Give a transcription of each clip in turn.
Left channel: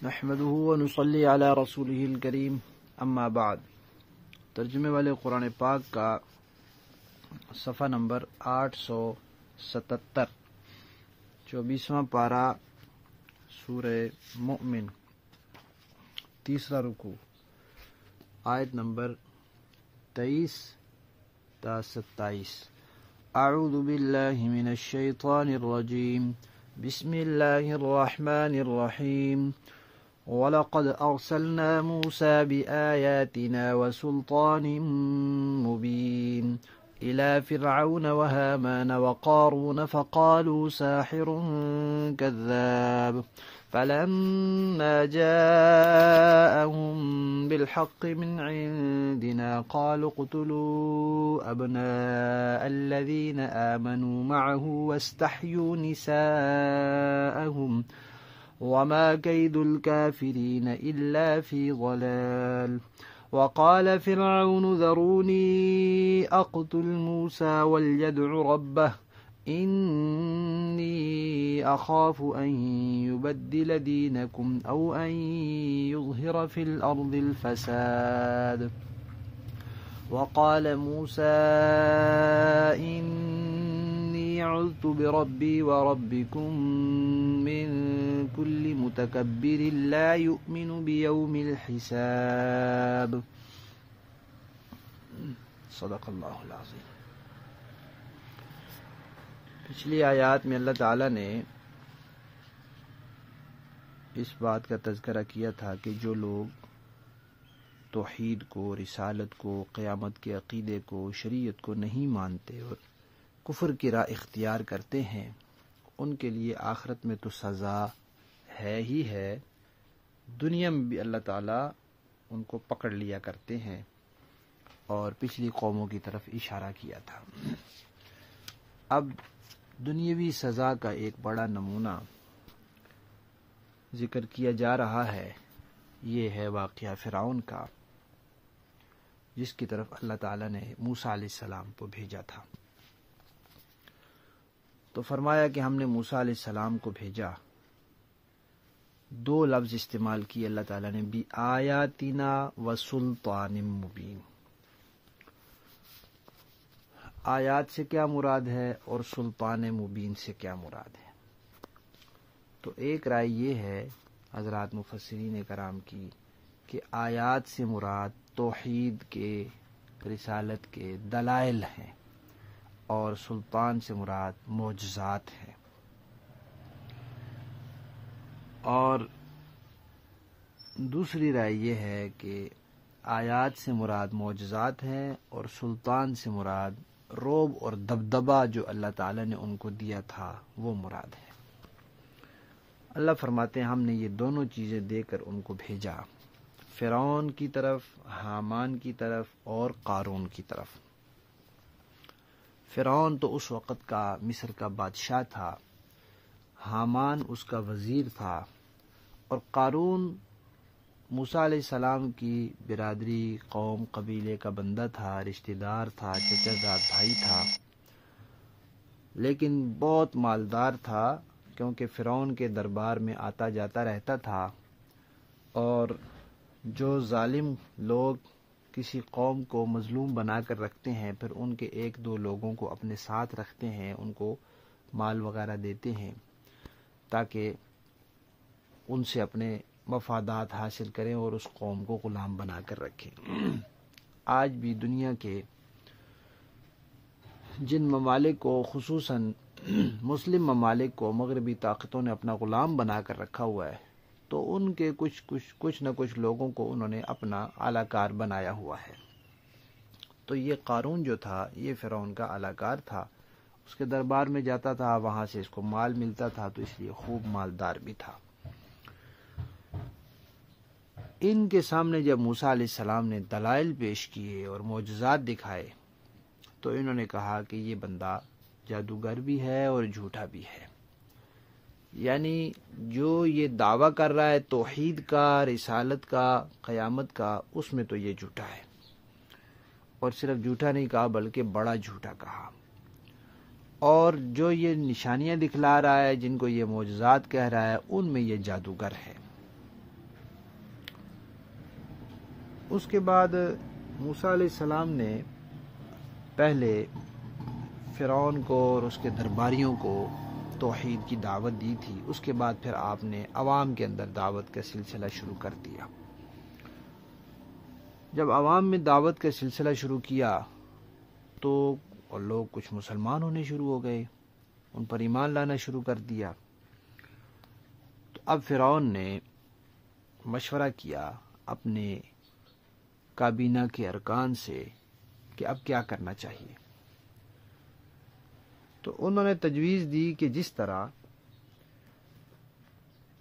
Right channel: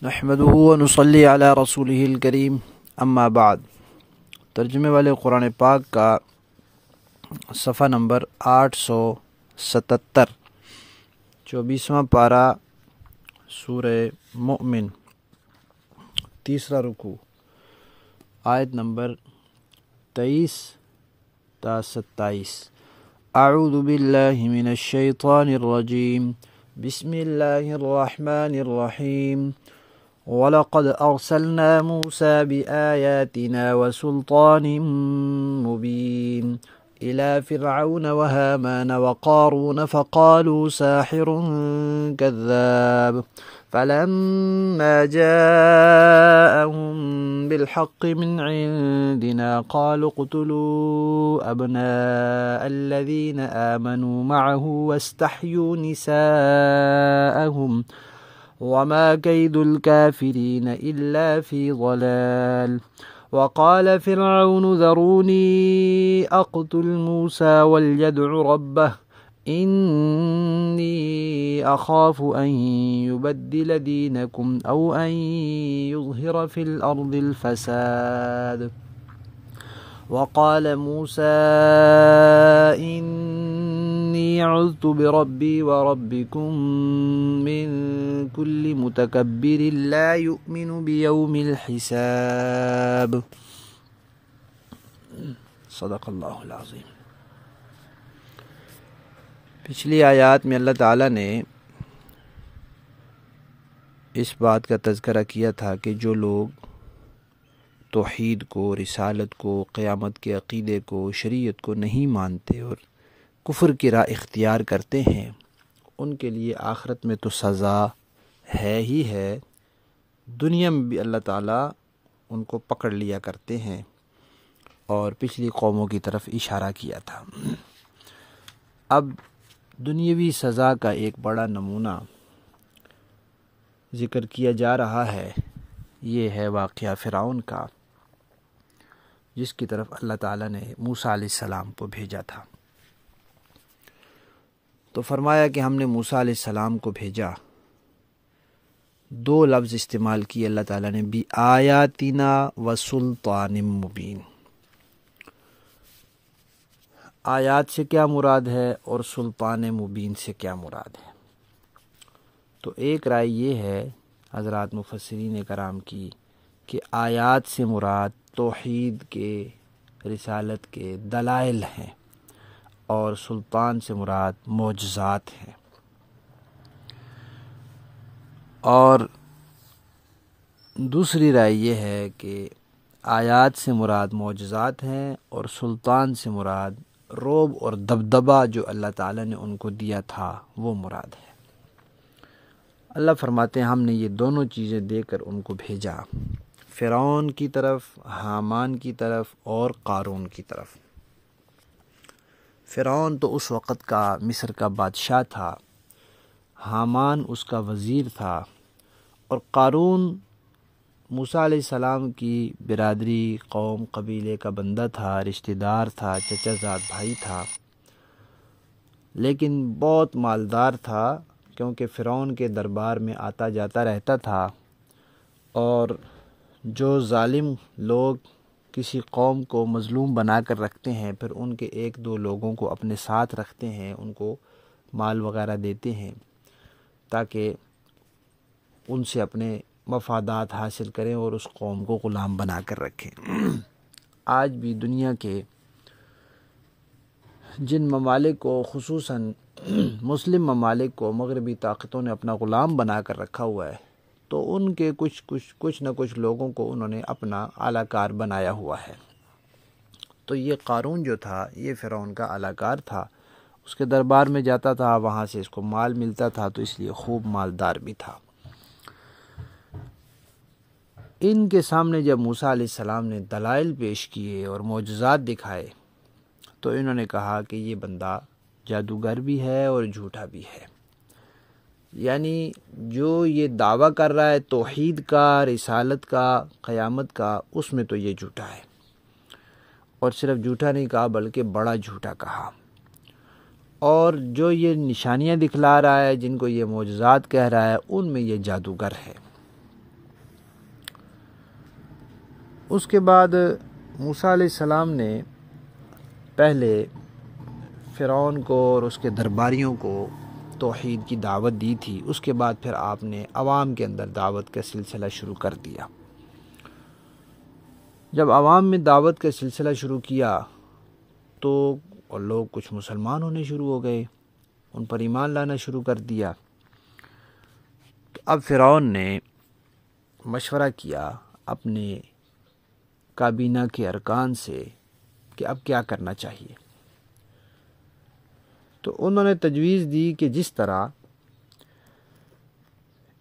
نحمده ونصلي علی رسولہ الکریم اما بعد۔ ترجمے والے قرآن پاک کا صفحہ نمبر 877، 24واں پارہ، سورہ مؤمن، تیسرا رکوع، آیت نمبر 23 تا 27۔ اعوذ باللہ من الشیطان الرجیم، بسم اللہ الرحمن الرحیم۔ وَلَقَدْ أَرْسَلْنَا مُوسَى بِآيَاتِنَا وَسُلْطَانٍ مُبِينٍ إِلَى فِرْعَوْنَ وَهَامَانَ وَقَارُونَ فَقَالُوا سَاحِرٌ كَذَّابٌ فَلَمَّا جَاءَهُم بِالْحَقِّ مِنْ عِندِنَا قَالُوا اقْتُلُوا أَبْنَاءَ الَّذِينَ آمَنُوا مَعَهُ وَاسْتَحْيُوا نِسَاءَهُمْ وَمَا كَيْدُ الْكَافِرِينَ إِلَّا فِي ضَلَالٍ وَقَالَ فِرْعَوْنُ ذَرُونِي أَقْتُلْ مُوسَى وَلْيَدْعُ رَبَّهُ إِنِّي أَخَافُ أَن يُبَدِّلَ دِينَكُمْ أَوْ أَن يُظْهِرَ فِي الْأَرْضِ الْفَسَادَ وَقَالَ مُوسَى إِنِّي عُذْتُ بِرَبِّي وَرَبِّكُمْ مِنْ كُلِّ مُتَكَبِّرٍ لَا يُؤْمِنُ بِيَوْمِ الْحِسَابِ۔ صدق اللہ العظیم۔ پچھلی آیات میں اللہ تعالیٰ نے اس بات کا تذکرہ کیا تھا کہ جو لوگ توحید کو، رسالت کو، قیامت کے عقیدے کو، شریعت کو نہیں مانتے اور کفر کی راہ اختیار کرتے ہیں، ان کے لیے آخرت میں تو سزا ہے ہی ہے، دنیا میں بھی اللہ تعالیٰ ان کو پکڑ لیا کرتے ہیں، اور پچھلی قوموں کی طرف اشارہ کیا تھا۔ اب دنیاوی سزا کا ایک بڑا نمونہ ذکر کیا جا رہا ہے، یہ ہے واقعہ فرعون کا، جس کی طرف اللہ تعالیٰ نے موسیٰ علیہ السلام کو بھیجا تھا۔ تو فرمایا کہ ہم نے موسیٰ علیہ السلام کو بھیجا، دو لفظ استعمال کیے اللہ تعالیٰ نے، بِآیاتِنَا وَسُلْطَانٍ مُبِینٍ۔ آیات سے کیا مراد ہے اور سلطان مبین سے کیا مراد ہے؟ تو ایک رائے یہ ہے حضرات مفسرین کرام کی کہ آیات سے مراد توحید کے، رسالت کے دلائل ہیں، اور سلطان سے مراد معجزات ہیں۔ اور دوسری رائے یہ ہے کہ آیات سے مراد معجزات ہیں اور سلطان سے مراد رعب اور دبدبہ جو اللہ تعالیٰ نے ان کو دیا تھا وہ مراد ہے۔ اللہ فرماتے ہیں ہم نے یہ دونوں چیزیں دے کر ان کو بھیجا، فرعون کی طرف، حامان کی طرف اور قارون کی طرف۔ فرعون تو اس وقت کا مصر کا بادشاہ تھا، حامان اس کا وزیر تھا، اور قارون موسیٰ علیہ السلام کی برادری، قوم، قبیلے کا بندہ تھا، رشتہ دار تھا، چچا زاد بھائی تھا، لیکن بہت مالدار تھا، کیونکہ فرعون کے دربار میں آتا جاتا رہتا تھا، اور جو ظالم لوگ کسی قوم کو مظلوم بنا کر رکھتے ہیں، پھر ان کے ایک دو لوگوں کو اپنے ساتھ رکھتے ہیں، ان کو مال وغیرہ دیتے ہیں تاکہ ان سے اپنے مفادات حاصل کریں اور اس قوم کو غلام بنا کر رکھیں۔ آج بھی دنیا کے جن ممالک کو، خصوصاً مسلم ممالک کو، مغربی طاقتوں نے اپنا غلام بنا کر رکھا ہوا ہے، تو ان کے کچھ نہ کچھ لوگوں کو انہوں نے اپنا اعلیٰ کار بنایا ہوا ہے۔ تو یہ قارون جو تھا یہ فرعون کا اعلیٰ کار تھا، اس کے دربار میں جاتا تھا، وہاں سے اس کو مال ملتا تھا، تو اس لیے خوب مالدار بھی تھا۔ ان کے سامنے جب موسیٰ علیہ السلام نے دلائل پیش کیے اور معجزات دکھائے تو انہوں نے کہا کہ یہ بندہ جادوگر بھی ہے اور جھوٹا بھی ہے، یعنی جو یہ دعویٰ کر رہا ہے توحید کا، رسالت کا، قیامت کا، اس میں تو یہ جھوٹا ہے، اور صرف جھوٹا نہیں کہا بلکہ بڑا جھوٹا کہا، اور جو یہ نشانیاں دکھلا رہا ہے، جن کو یہ معجزات کہہ رہا ہے، ان میں یہ جادوگر ہے۔ اس کے بعد موسیٰ علیہ السلام نے پہلے فرعون کو اور اس کے درباریوں کو توحید کی دعوت دی تھی، اس کے بعد پھر آپ نے عوام کے اندر دعوت کا سلسلہ شروع کر دیا۔ جب عوام میں دعوت کا سلسلہ شروع کیا تو لوگ کچھ مسلمان ہونے شروع ہو گئے، ان پر ایمان لانا شروع کر دیا۔ تو اب فرعون نے مشورہ کیا اپنے کابینہ کے ارکان سے کہ اب کیا کرنا چاہیے۔ تو انہوں نے تجویز دی کہ جس طرح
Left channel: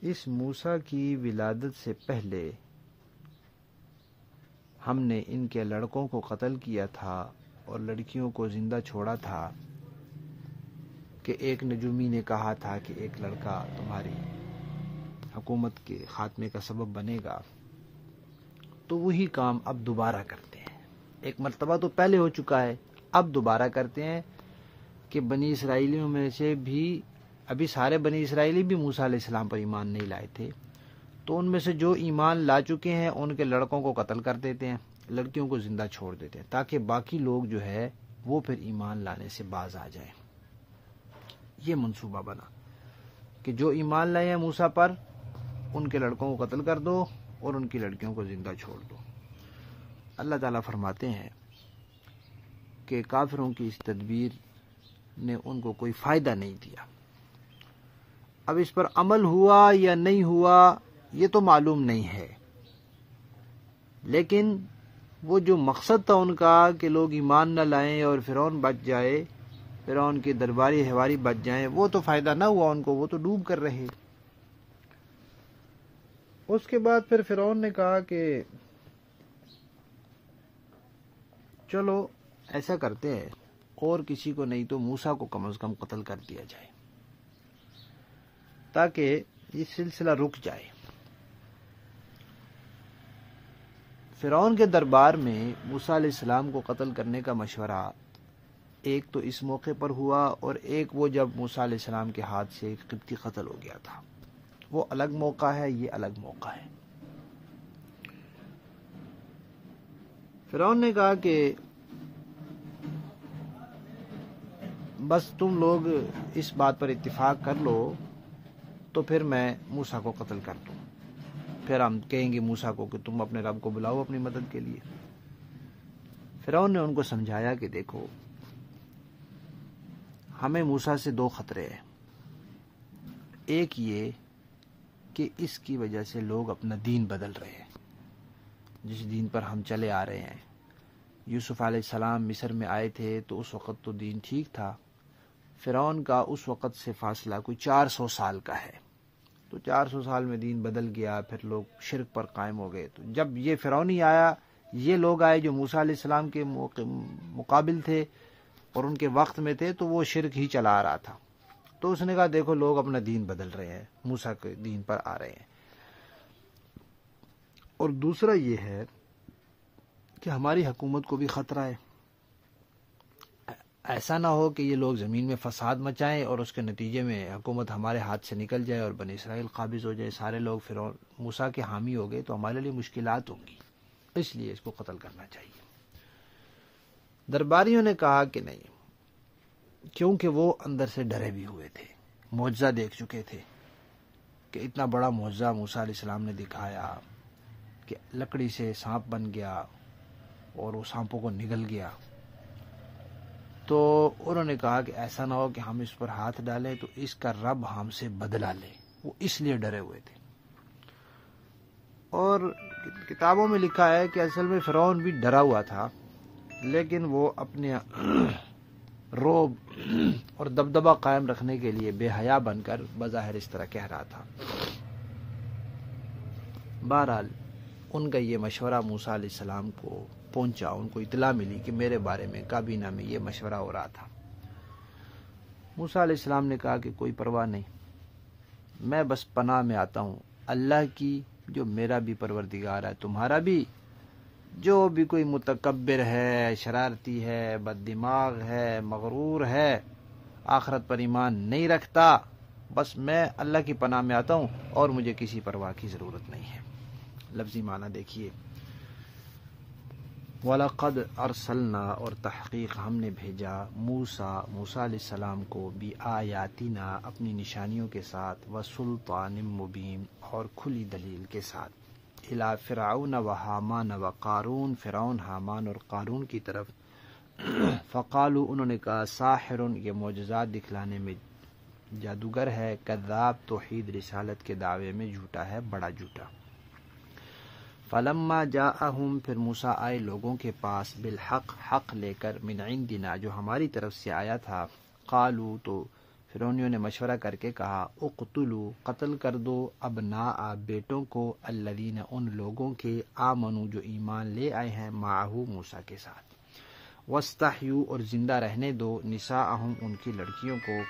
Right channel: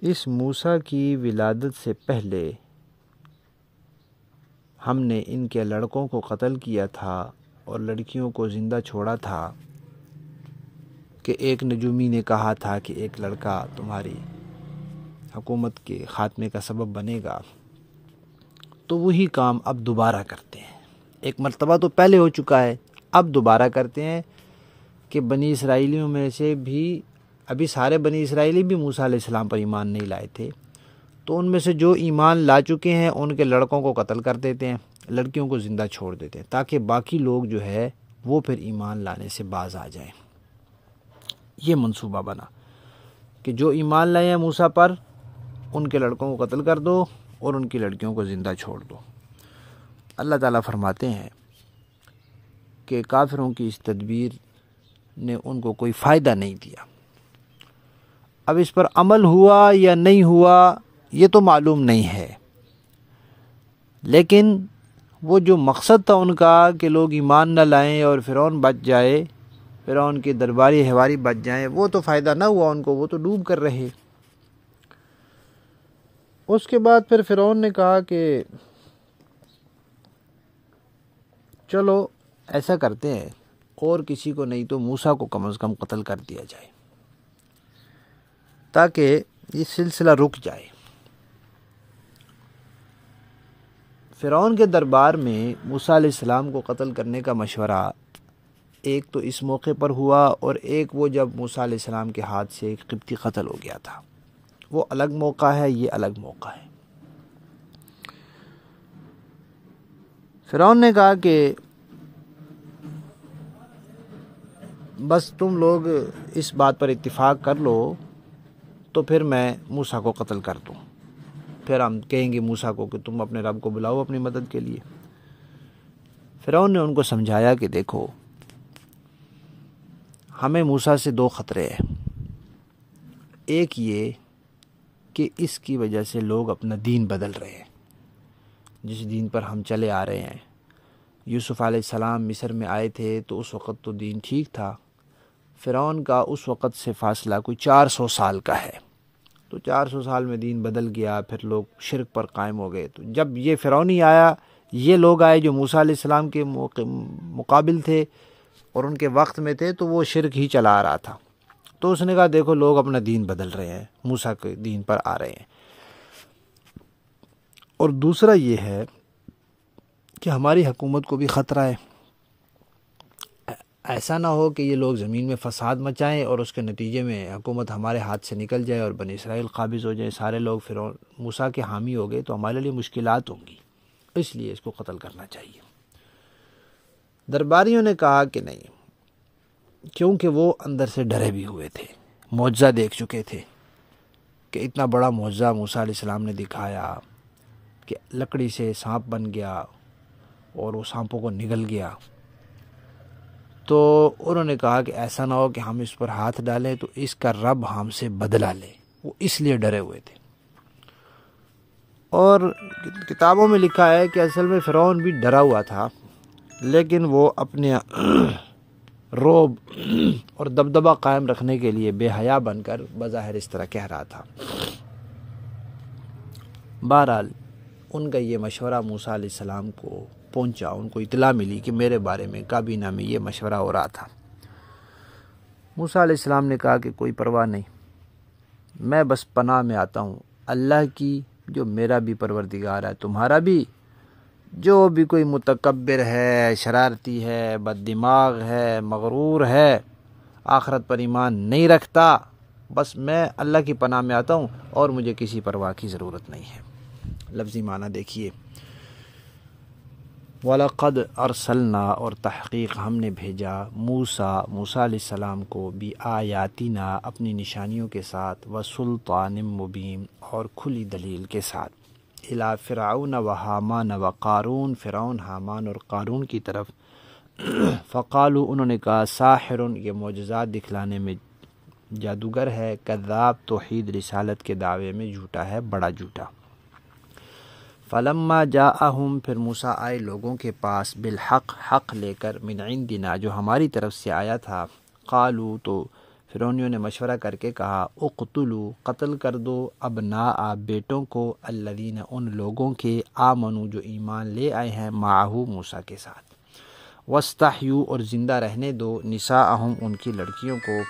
اس موسیٰ کی ولادت سے پہلے ہم نے ان کے لڑکوں کو قتل کیا تھا اور لڑکیوں کو زندہ چھوڑا تھا، کہ ایک نجومی نے کہا تھا کہ ایک لڑکا تمہاری حکومت کے خاتمے کا سبب بنے گا، تو وہی کام اب دوبارہ کرتے ہیں۔ ایک مرتبہ تو پہلے ہو چکا ہے، اب دوبارہ کرتے ہیں کہ بنی اسرائیلیوں میں سے بھی ابھی سارے بنی اسرائیلی بھی موسیٰ علیہ السلام پر ایمان نہیں لائے تھے، تو ان میں سے جو ایمان لا چکے ہیں ان کے لڑکوں کو قتل کر دیتے ہیں، لڑکیوں کو زندہ چھوڑ دیتے ہیں، تاکہ باقی لوگ جو ہے وہ پھر ایمان لانے سے باز آ جائیں۔ یہ منصوبہ بنا کہ جو ایمان لائے ہیں موسیٰ پر ان کے لڑکوں کو قتل کر دو اور ان کی لڑکیوں کو زندہ چھوڑ دو۔ اللہ تعالیٰ فرماتے ہیں کہ کافروں کی اس تدبیر نے ان کو کوئی فائدہ نہیں دیا۔ اب اس پر عمل ہوا یا نہیں ہوا یہ تو معلوم نہیں ہے، لیکن وہ جو مقصد تھا ان کا کہ لوگ ایمان نہ لائیں اور فرعون بچ جائے، فرعون کے درباری حواری بچ جائیں، وہ تو فائدہ نہ ہوا ان کو، وہ تو ڈوب کر رہے۔ اس کے بعد پھر فرعون نے کہا کہ چلو ایسا کرتے ہیں، اور کسی کو نہیں تو موسیٰ کو کم از کم قتل کر دیا جائے تاکہ یہ سلسلہ رک جائے۔ فرعون کے دربار میں موسیٰ علیہ السلام کو قتل کرنے کا مشورہ ایک تو اس موقع پر ہوا، اور ایک وہ جب موسیٰ علیہ السلام کے ہاتھ سے ایک قبطی قتل ہو گیا تھا، وہ الگ موقع ہے، یہ الگ موقع ہے۔ فرعون نے کہا کہ بس تم لوگ اس بات پر اتفاق کر لو تو پھر میں موسیٰ کو قتل کر دوں، پھر ہم کہیں گے موسیٰ کو کہ تم اپنے رب کو بلاؤ اپنی مدد کے لیے۔ فرعون نے ان کو سمجھایا کہ دیکھو ہمیں موسیٰ سے دو خطرے ہیں، ایک یہ کہ اس کی وجہ سے لوگ اپنا دین بدل رہے ہیں، جس دین پر ہم چلے آ رہے ہیں۔ یوسف علیہ السلام مصر میں آئے تھے تو اس وقت تو دین ٹھیک تھا، فرعون کا اس وقت سے فاصلہ کوئی 400 سال کا ہے، تو 400 سال میں دین بدل گیا، پھر لوگ شرک پر قائم ہو گئے۔ تو جب یہ فرعونی آیا، یہ لوگ آئے جو موسیٰ علیہ السلام کے مقابل تھے اور ان کے وقت میں تھے، تو وہ شرک ہی چلا آ رہا تھا، تو اس نے کہا دیکھو لوگ اپنا دین بدل رہے ہیں، موسیٰ کے دین پر آ رہے ہیں۔ اور دوسرا یہ ہے کہ ہماری حکومت کو بھی خطرہ ہے، ایسا نہ ہو کہ یہ لوگ زمین میں فساد مچائیں اور اس کے نتیجے میں حکومت ہمارے ہاتھ سے نکل جائے اور بنی اسرائیل قابض ہو جائے، سارے لوگ فرعون موسیٰ کے حامی ہو گئے تو ہمارے لیے مشکلات ہوں گی، اس لیے اس کو قتل کرنا چاہیے۔ درباریوں نے کہا کہ نہیں، کیونکہ وہ اندر سے ڈرے بھی ہوئے تھے، معجزہ دیکھ چکے تھے کہ اتنا بڑا معجزہ موسیٰ علیہ السلام نے دکھایا کہ لکڑی سے سانپ بن گیا اور وہ سانپوں کو نگل گیا، تو انہوں نے کہا کہ ایسا نہ ہو کہ ہم اس پر ہاتھ ڈالیں تو اس کا رب ہم سے بدلہ لے، وہ اس لیے ڈرے ہوئے تھے۔ اور کتابوں میں لکھا ہے کہ اصل میں فرعون بھی ڈرا ہوا تھا، لیکن وہ اپنے رعب اور دبدبہ قائم رکھنے کے لیے بے حیا بن کر بظاہر اس طرح کہہ رہا تھا۔ بہرحال ان کا یہ مشورہ موسیٰ علیہ السلام کو پہنچا، ان کو اطلاع ملی کہ میرے بارے میں کابینہ میں یہ مشورہ ہو رہا تھا۔ موسیٰ علیہ السلام نے کہا کہ کوئی پرواہ نہیں، میں بس پناہ میں آتا ہوں اللہ کی، جو میرا بھی پروردگار ہے تمہارا بھی، جو بھی کوئی متکبر ہے، شرارتی ہے، بد دماغ ہے، مغرور ہے، آخرت پر ایمان نہیں رکھتا، بس میں اللہ کی پناہ میں آتا ہوں اور مجھے کسی پرواہ کی ضرورت نہیں ہے۔ لفظی معنی دیکھیے، وَلَقَدْ أَرْسَلْنَا اور تحقیق ہم نے بھیجا موسیٰ علیہ السلام کو بِآیاتنا اپنی نشانیوں کے ساتھ وَسُلْطَانٍ مُبِینٍ اور کھلی دلیل کے ساتھ اِلیٰ فرعون وحامان وقارون فرعون حامان اور قارون کی طرف فقالو انہوں نے کہا ساحرٌ یہ معجزات دکھلانے میں جادوگر ہے کذاب توحید رسالت کے دعوے میں جھوٹا ہے بڑا جھوٹا فلما جاءہم پھر موسیٰ آئے لوگوں کے پاس بالحق حق لے کر من عندنا جو ہماری طرف سے آیا تھا قالو تو فرعونیوں نے مشورہ کر کے کہا اقتلوا قتل کر دو ابناء بیٹوں کو الذین ان لوگوں کے آمنو جو ایمان لے آئے ہیں معہو موسیٰ کے ساتھ واستحیوا اور زندہ رہنے دو نساءہم ان کی لڑکیوں کو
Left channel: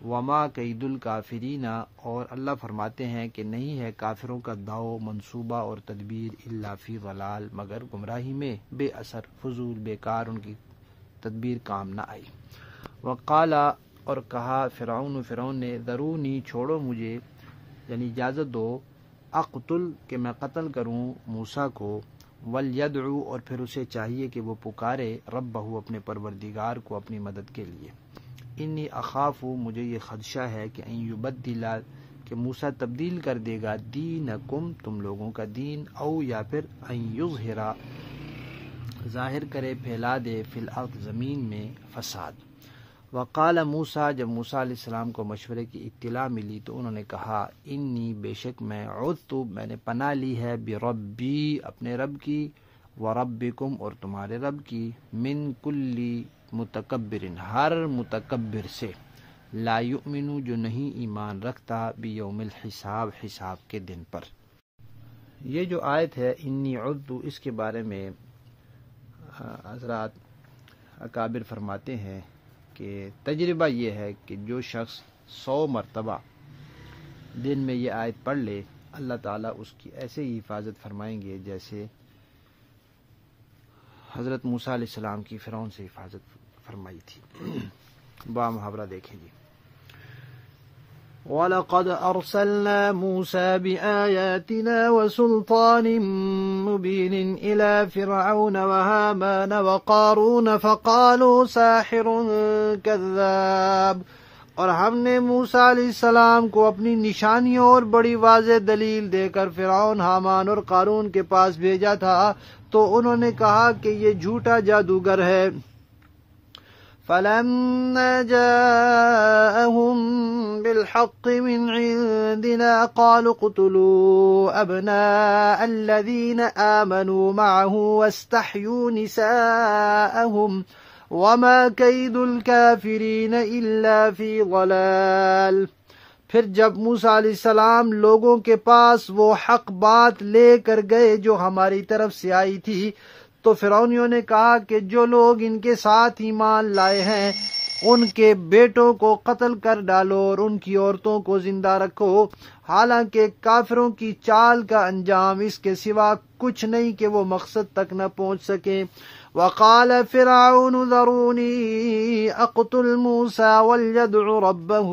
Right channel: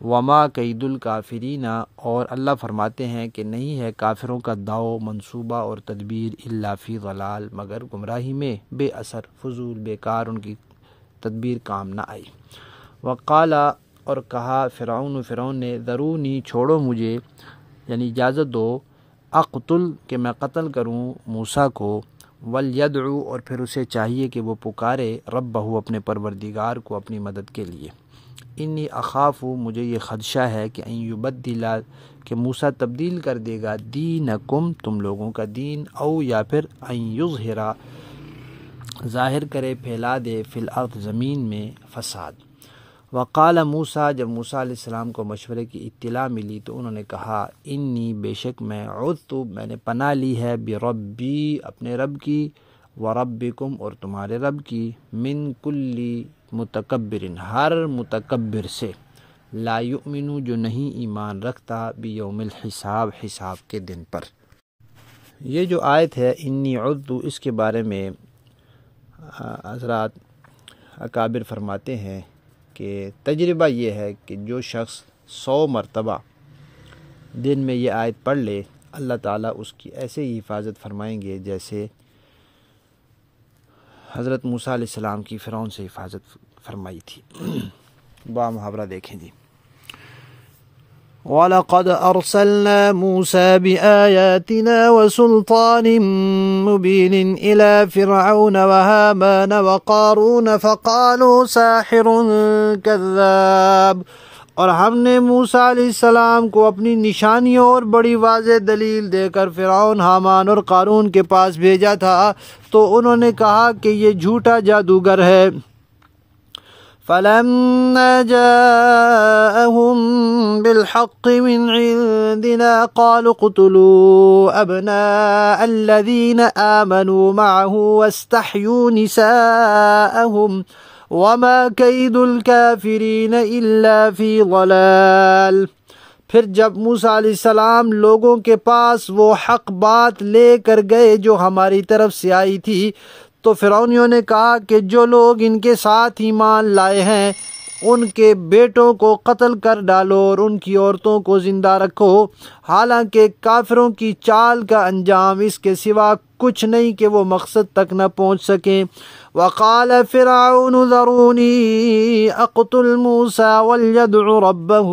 وما کید الکافرین اور اللہ فرماتے ہیں کہ نہیں ہے کافروں کا داؤ منصوبہ اور تدبیر الا فی ضلال مگر گمراہی میں بے اثر فضول بیکار ان کی تدبیر کام نہ آئی وقال اور کہا فرعون نے ذرونی چھوڑو مجھے یعنی اجازت دو اقتل کہ میں قتل کروں موسیٰ کو ولیدعو اور پھر اسے چاہیے کہ وہ پکارے ربہ اپنے پروردگار کو اپنی مدد کے لیے انی اخاف مجھے یہ خدشہ ہے کہ ان یبدل کہ موسیٰ تبدیل کر دے گا دینکم تم لوگوں کا دین او یا پھر ان یظہرا ظاہر کرے پھیلا دے فی الارض زمین میں فساد وقال موسیٰ جب موسیٰ علیہ السلام کو مشورے کی اطلاع ملی تو انہوں نے کہا انی بے شک میں عذت میں نے پناہ لی ہے بربی اپنے رب کی وربکم اور تمہارے رب کی من کلی متکبر ہر متکبر سے لا یؤمن جو نہیں ایمان رکھتا بیوم الحساب حساب کے دن پر۔ یہ جو آیت ہے انی عذت اس کے بارے میں حضرات اکابر فرماتے ہیں کہ تجربہ یہ ہے کہ جو شخص 100 مرتبہ دن میں یہ آیت پڑھ لے اللہ تعالیٰ اس کی ایسے ہی حفاظت فرمائیں گے جیسے حضرت موسیٰ علیہ السلام کی فرعون سے حفاظت فرمائی تھی۔ با محاورہ دیکھیں جی وَلَقَدْ أَرْسَلْنَا مُوسَى بِآيَاتِنَا وَسُلْطَانٍ مُبِينٍ إِلَى فِرْعَوْنَ وَهَامَانَ وَقَارُونَ فَقَالُوا سَاحِرٌ كَذَّابٌ اور ہم نے موسیٰ علیہ السلام کو اپنی نشانیوں اور بڑی واضح دلیل دے کر فرعون حامان اور قارون کے پاس بھیجا تھا تو انہوں نے کہا کہ یہ جھوٹا جادوگر ہے۔ فَلَمَّا جَاءَهُم بِالْحَقِّ مِنْ عِنْدِنَا قَالُوا اقْتُلُوا أَبْنَاءَ الَّذِينَ آمَنُوا مَعَهُ وَاسْتَحْيُوا نِسَاءَهُمْ وَمَا كَيْدُ الْكَافِرِينَ إِلَّا فِي ضَلَالٍ پھر جب موسیٰ علیہ السلام لوگوں کے پاس وہ حق بات لے کر گئے جو ہماری طرف سے آئی تھی تو فرعونیوں نے کہا کہ جو لوگ ان کے ساتھ ایمان لائے ہیں ان کے بیٹوں کو قتل کر ڈالو اور ان کی عورتوں کو زندہ رکھو، حالانکہ کافروں کی چال کا انجام اس کے سوا کچھ نہیں کہ وہ مقصد تک نہ پہنچ سکیں۔ وقال فرعون ذرونی اقتل موسیٰ ولیدع ربہ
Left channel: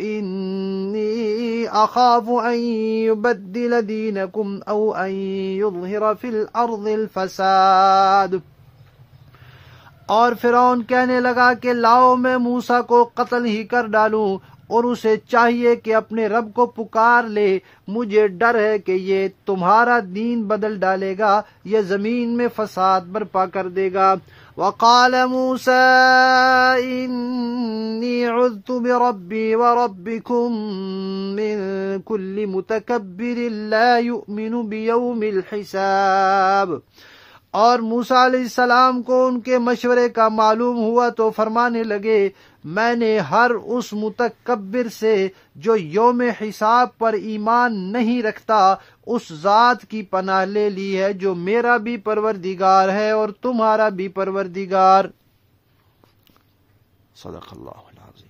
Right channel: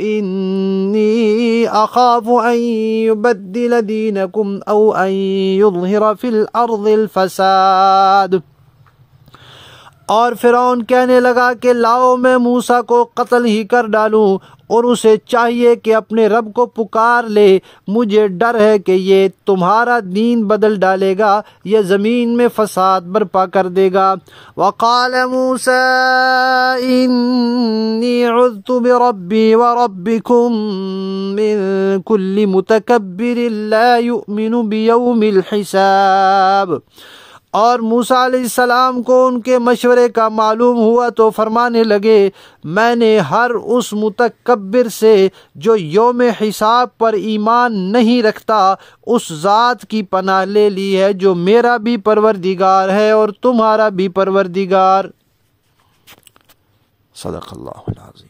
انی اخاف ان یبدل دینکم او ان یظہر فی الارض الفساد۔ اور فرعون کہنے لگا کہ لاؤ میں موسیٰ کو قتل ہی کر ڈالوں اور اسے چاہیے کہ اپنے رب کو پکار لے، مجھے ڈر ہے کہ یہ تمہارا دین بدل ڈالے گا، یہ زمین میں فساد برپا کر دے گا۔ وقال موسیٰ انی عذت بربی وربکم من کل متکبر لا یؤمن بیوم الحساب۔ اور موسیٰ علیہ السلام کو ان کے مشورے کا معلوم ہوا تو فرمانے لگے میں نے ہر اس متکبر سے جو یوم حساب پر ایمان نہیں رکھتا اس ذات کی پناہ لے لی ہے جو میرا بھی پروردگار ہے اور تمہارا بھی پروردگار۔ صدق اللہ العظیم۔